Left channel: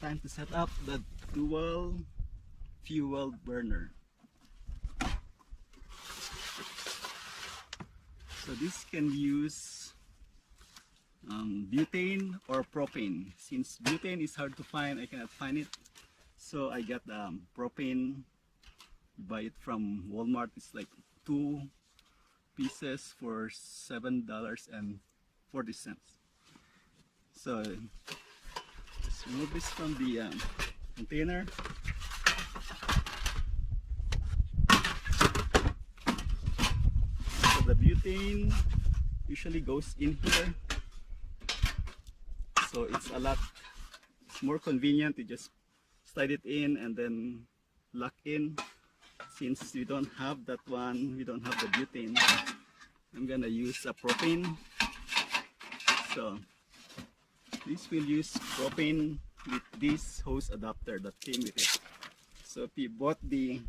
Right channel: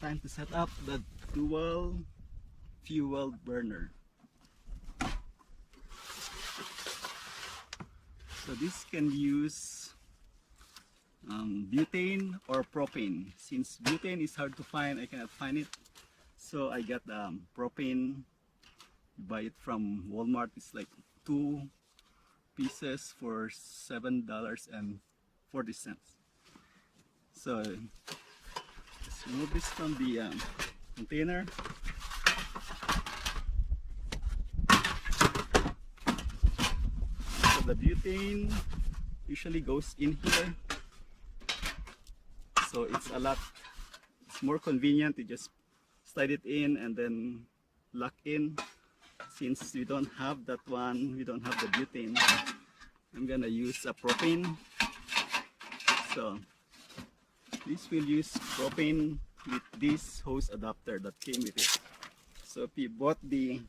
Time to set up the dual fuel burner. So this can use butane or propane. Since butane is hard to find, I cannot find it. So I got propane. You buy it from Walmart. It's like 2 pieces for $7.40. So let's remove this from the container. So the butane usually goes in here. So it's more convenient to just slide it in and then lock in. Since we don't have that one, we don't have the butane, I'm gonna use a propane. So this will use propane with this hose adapter that came with it. So if you bought the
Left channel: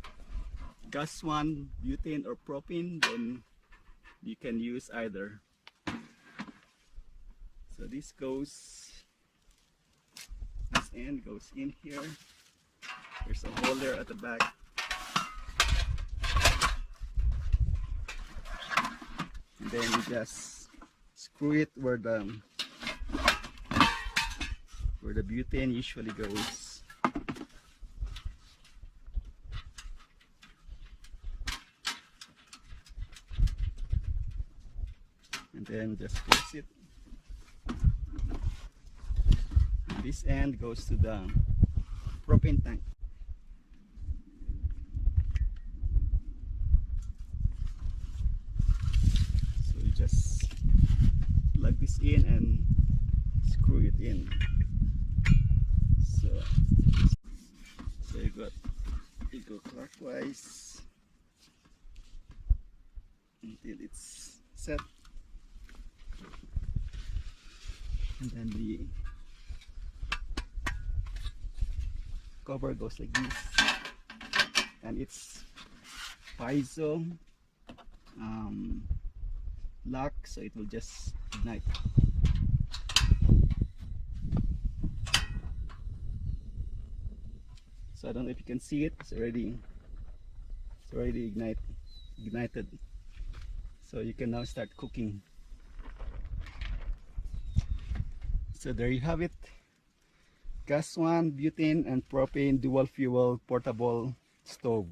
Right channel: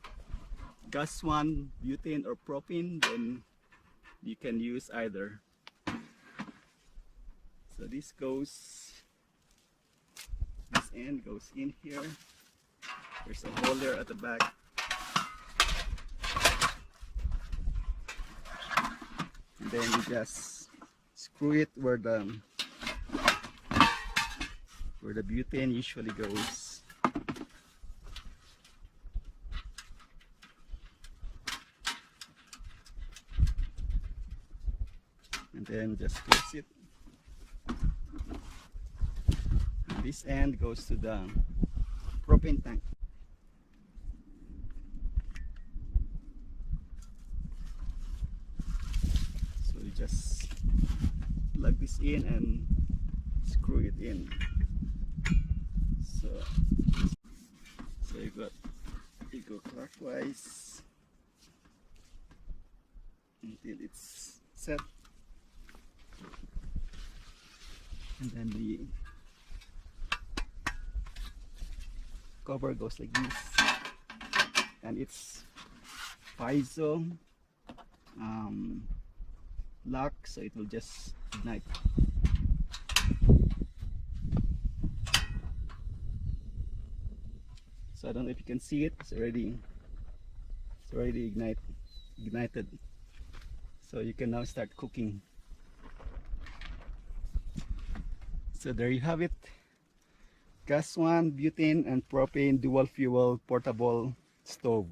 gas one, butane or propane, then you can use either. So this end goes in here. There's a hole there at the back. And then you just screw it where the butane usually goes. And then just close it. And this end goes to the propane tank. So you just plug this in and screw it in. So you go clockwise until it's set, and then the cover goes like this, and it's piezo lock, so it will just ignite. So I don't know if you can see it. It's already ignited. So you can now start cooking. So there you have it. Gas one, butane and propane dual fuel portable stove.